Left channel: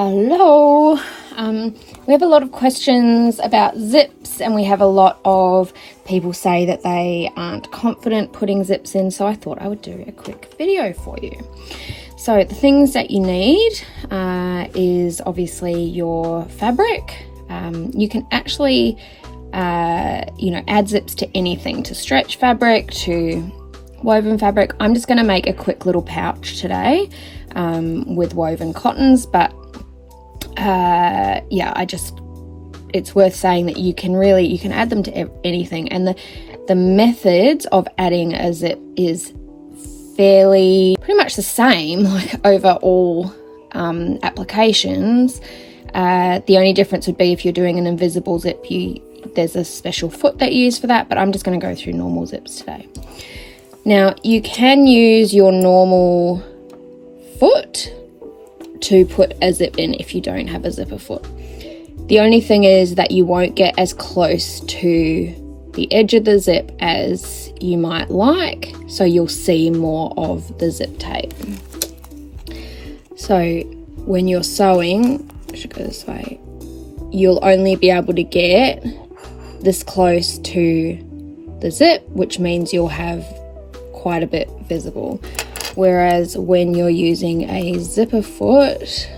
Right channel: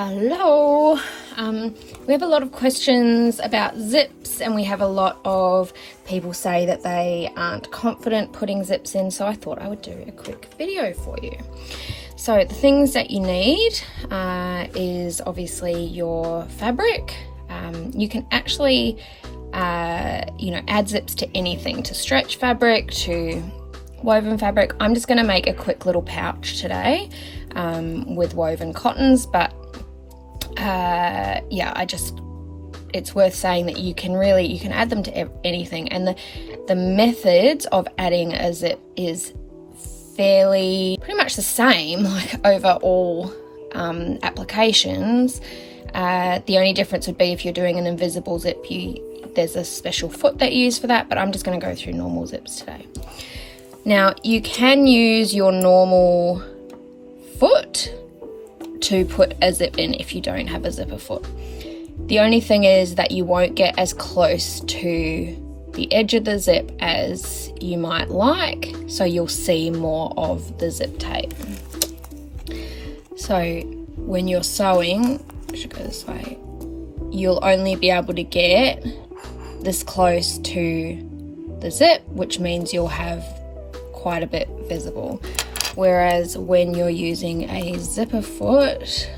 Hello. We have a lot of questions about zips, and we have a lot of people say that they aren't confident putting zips in, so I thought I would do a quick video for you. So the things that you need is obviously your fabric. You can actually add zips to anything, to stretch fabric, to woven fabric. I'm just going to make a quick little pouch today with woven cottons, but it's worth saying that you can add them to anything, and the methods of adding a zip is pretty much the same, like over all applications. The only difference would be if you're doing an invisible zip, there's a special foot that you use for that, but I'm just going to go through normal zips today. Now, you can use your normal foot to put a zip in if you don't have a zipper foot. The only thing is that you won't get as close to the edge of the zip as you might like, so you'll see more of the zip tape. So when you're sewing, I should go this way, you'll only be able to get this close to the zip, which means you'll have quite a bit visible. Whereas when you're using a zipper foot,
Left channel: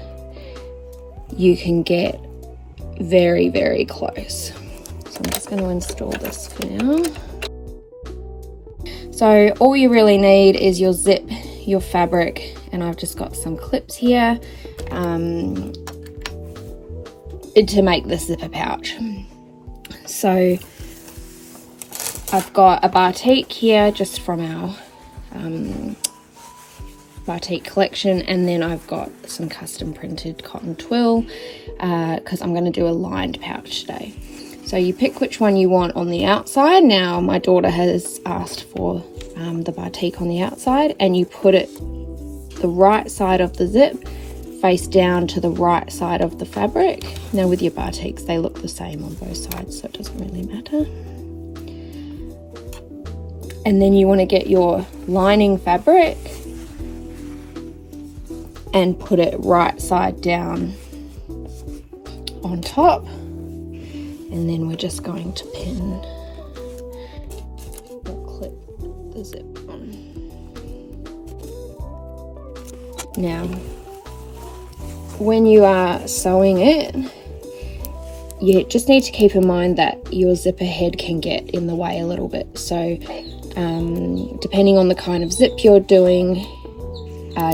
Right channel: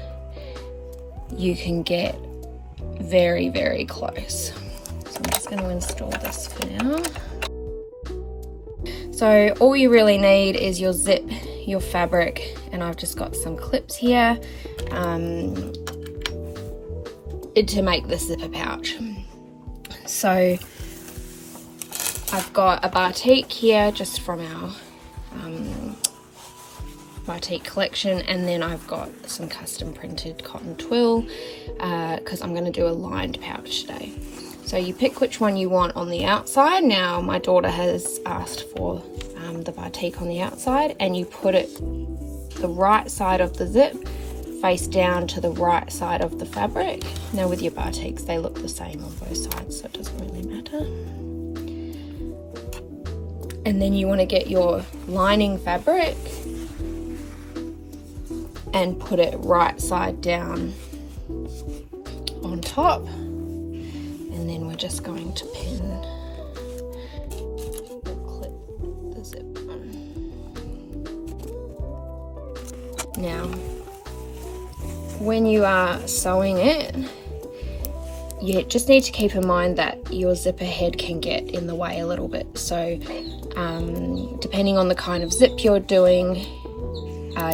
you can get very, very close. So I'm just going to install this for now. So all you really need is your zip, your fabric, and I've just got some clips here to make the zipper pouch. So I've got a batik here just from our batik collection, and then I've got some custom printed cotton twill because I'm going to do a lined pouch today. So you pick which one you want on the outside. Now my daughter has asked for the batik on the outside, and you put it the right side of the zip face down to the right side of the fabric. Now with your batiks, they look the same on both sides, so it doesn't really matter. And then you want to get your lining fabric and put it right side down on top, and then we're just going to pin or clip the zip on. Now when you are sewing it, you just need to keep in mind that your zipper head can get in the way a little bit. So depending on the kind of zip you're doing,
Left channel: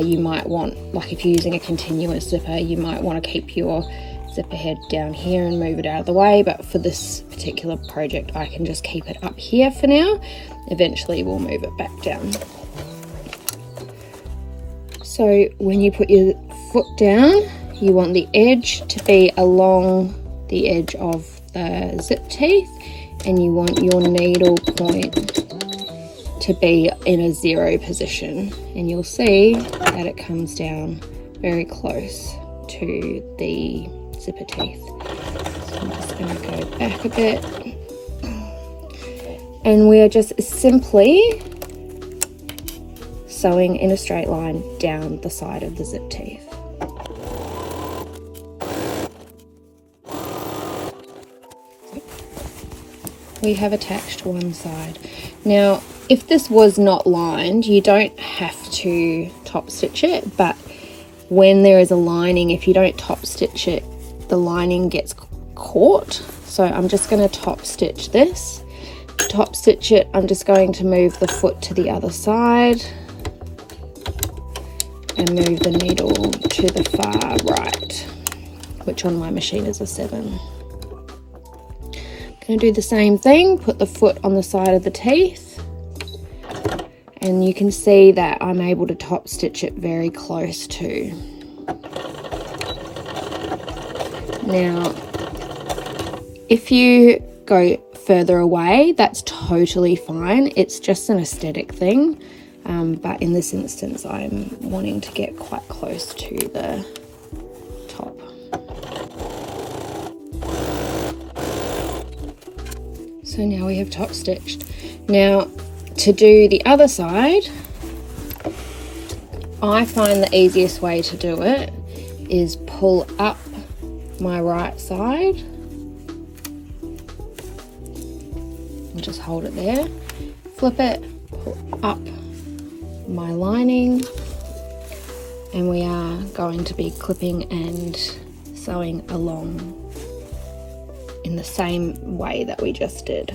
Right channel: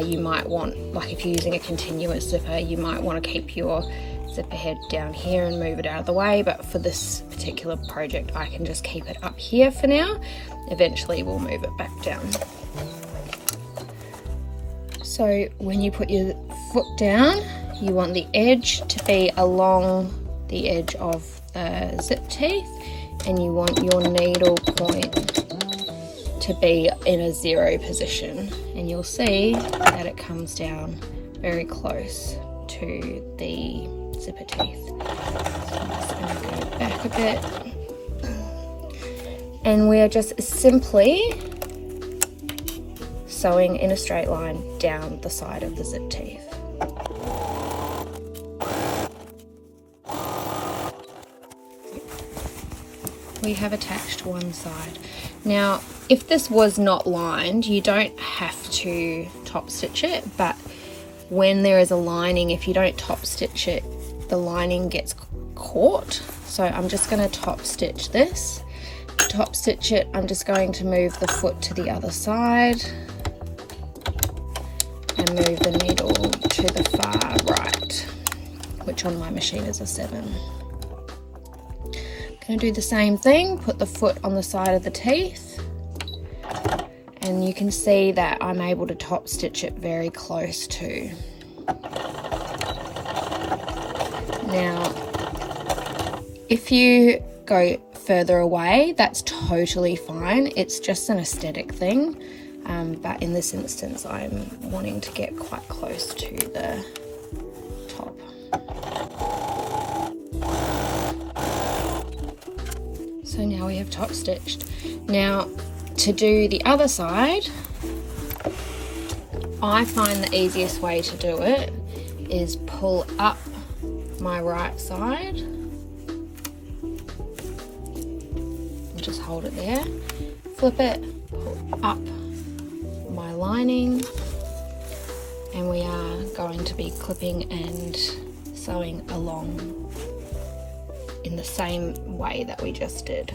you might want, like if you're using a continuous zipper, you might want to keep your zipper head down here and move it out of the way, but for this particular project I can just keep it up here for now. Eventually we'll move it back down. So when you put your foot down, you want the edge to be along the edge of the zip teeth, and you want your needle point to be in a 0 position, and you'll see that it comes down very close to the zipper teeth. So I'm just going to go back a bit, and we're just simply sewing in a straight line down the side of the zip teeth. We have attached one side. Now, if this was not lined, you don't have to top stitch it, but when there is a lining, if you don't top stitch it, the lining gets caught. So I'm just going to top stitch this. To top stitch it, I'm just going to move the foot to the other side and move the needle to the far right, which on my machine is a 7. Going to do the same thing, put the foot on the side of the teeth, and you can see that I'm able to top stitch it very close to. Now, if you go further away, that's totally fine. It's just an aesthetic thing, but in this instance I'm wanting to get quite close to the top. So now we have top stitched. Now to do the other side, I find the easiest way to do it is pull up my right side. And just hold it there. Flip it, pull up my lining. And we are going to be clipping and sewing along in the same way that we just did.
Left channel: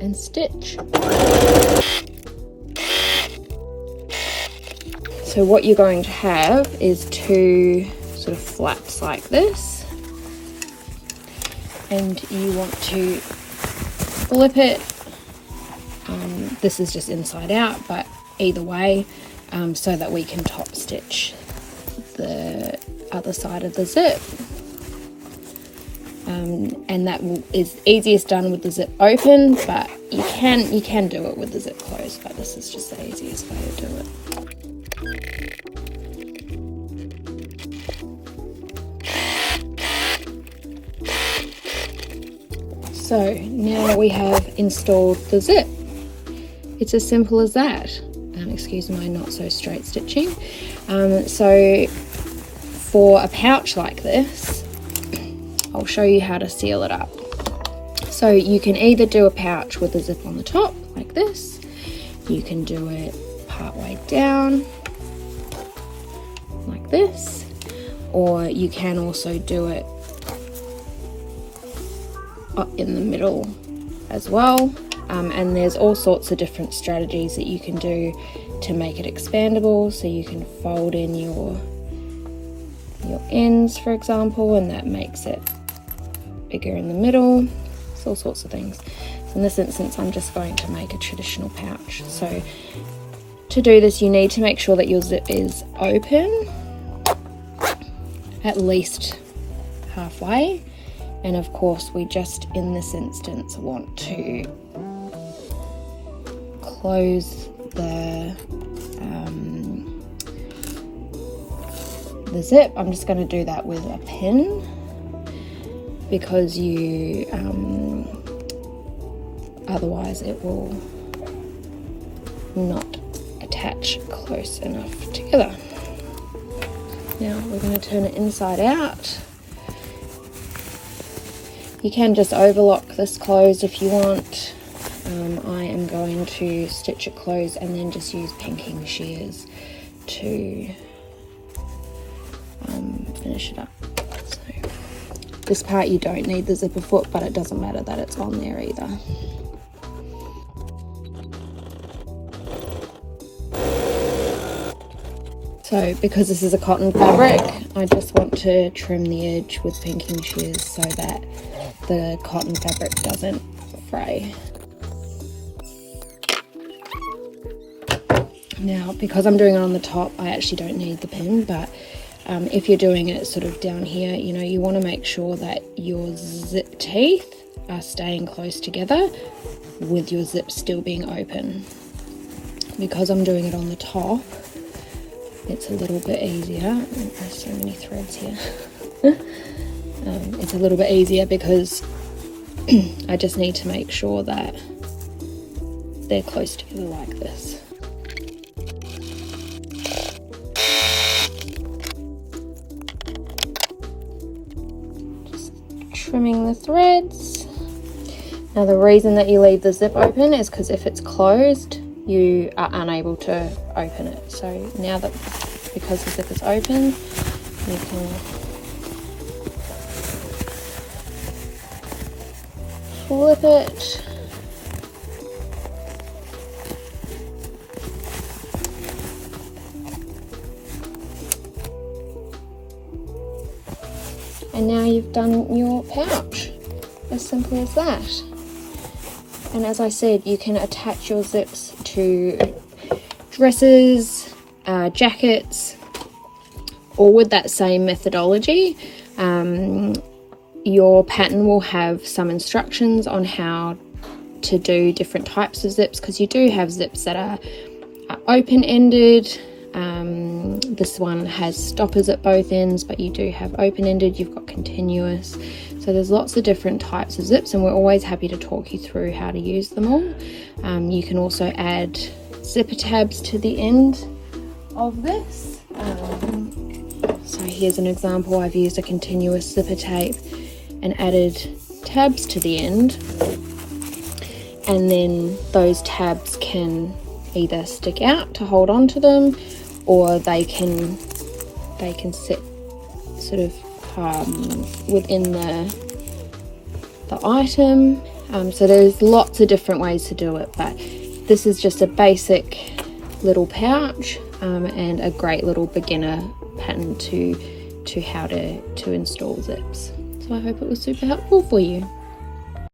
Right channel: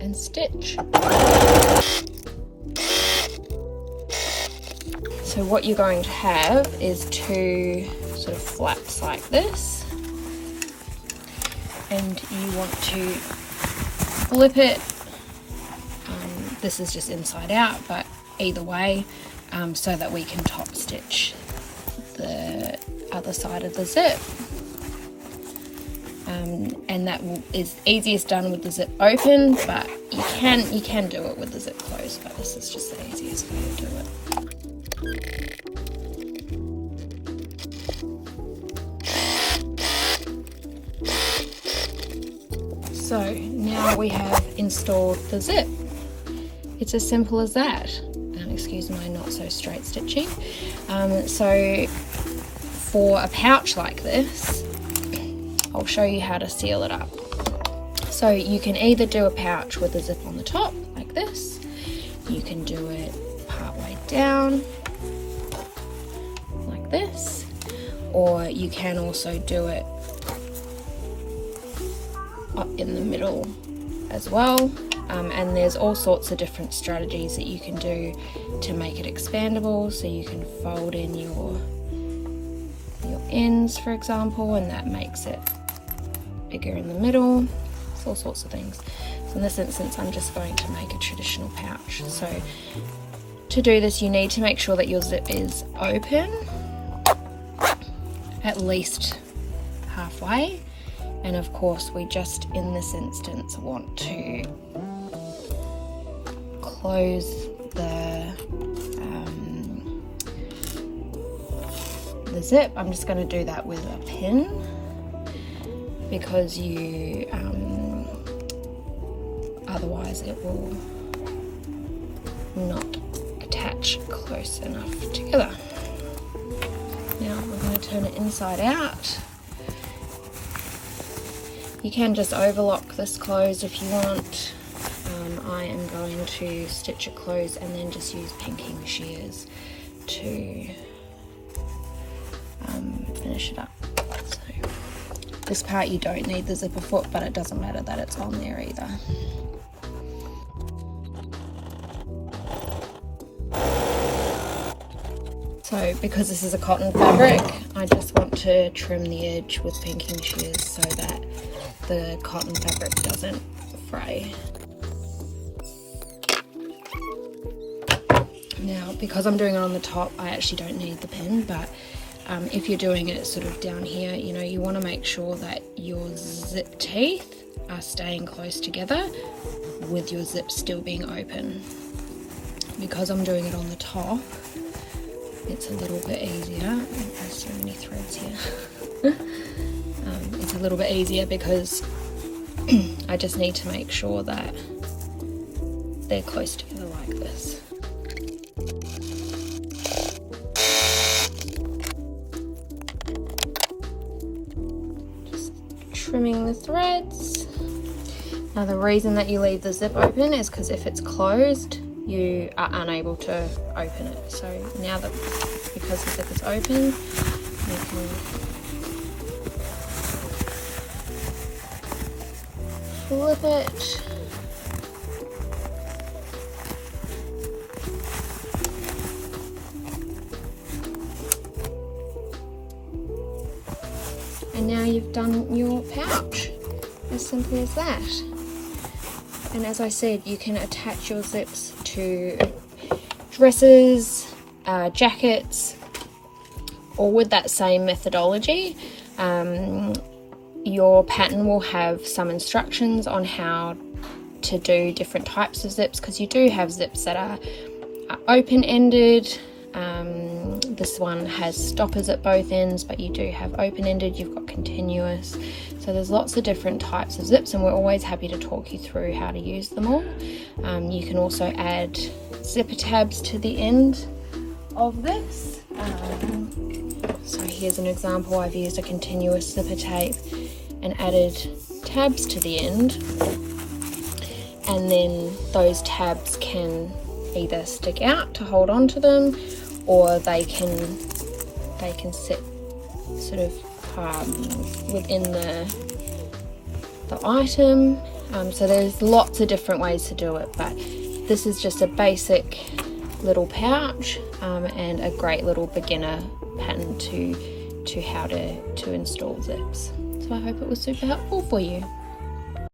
And stitch. So what you're going to have is two sort of flaps like this, and you want to flip it. This is just inside out, but either way, so that we can top stitch the other side of the zip. And that is easiest done with the zip open, but you can do it with the zip closed, but this is just the easiest way to do it. So now we have installed the zip. It's as simple as that. Excuse my not so straight stitching. So for a pouch like this, I'll show you how to seal it up. So you can either do a pouch with the zip on the top like this, you can do it part way down like this, or you can also do it up in the middle as well. And there's all sorts of different strategies that you can do to make it expandable. So you can fold in your ends, for example, and that makes it bigger in the middle. It's all sorts of things. So in this instance, I'm just going to make a traditional pouch. So to do this, you need to make sure that your zip is open at least halfway. And of course, we just, in this instance, want to close the zip. I'm just going to do that with a pin, because you otherwise it will not attach close enough together. Now we're going to turn it inside out. You can just overlock this closed if you want. I am going to stitch it closed and then just use pinking shears to finish it up. So this part you don't need the zipper foot, but it doesn't matter that it's on there either. So because this is a cotton fabric, I just want to trim the edge with pinking shears so that the cotton fabric doesn't fray. Now, because I'm doing it on the top, I actually don't need the pin, but if you're doing it sort of down here, you know, you want to make sure that your zip teeth are staying close together with your zip still being open. Because I'm doing it on the top, it's a little bit easier. There's so many threads here. It's a little bit easier because I just need to make sure that they're close together like this. Just trimming the threads. Now the reason that you leave the zip open is because if it's closed, you are unable to open it. So now that, because the zip is open, you can flip it. And now you've done your pouch. As simple as that. And as I said, you can attach your zips to dresses, jackets, all with that same methodology. Your pattern will have some instructions on how to do different types of zips, because you do have zips that are open-ended, This one has stoppers at both ends, but you do have open-ended, you've got continuous. So there's lots of different types of zips, and we're always happy to talk you through how to use them all. You can also add zipper tabs to the end of this. So here's an example. I've used a continuous zipper tape and added tabs to the end, and then those tabs can either stick out to hold on to them, or they can sit sort of within the item. So there's lots of different ways to do it, but this is just a basic little pouch and a great little beginner pattern to how to install zips. So I hope it was super helpful for you.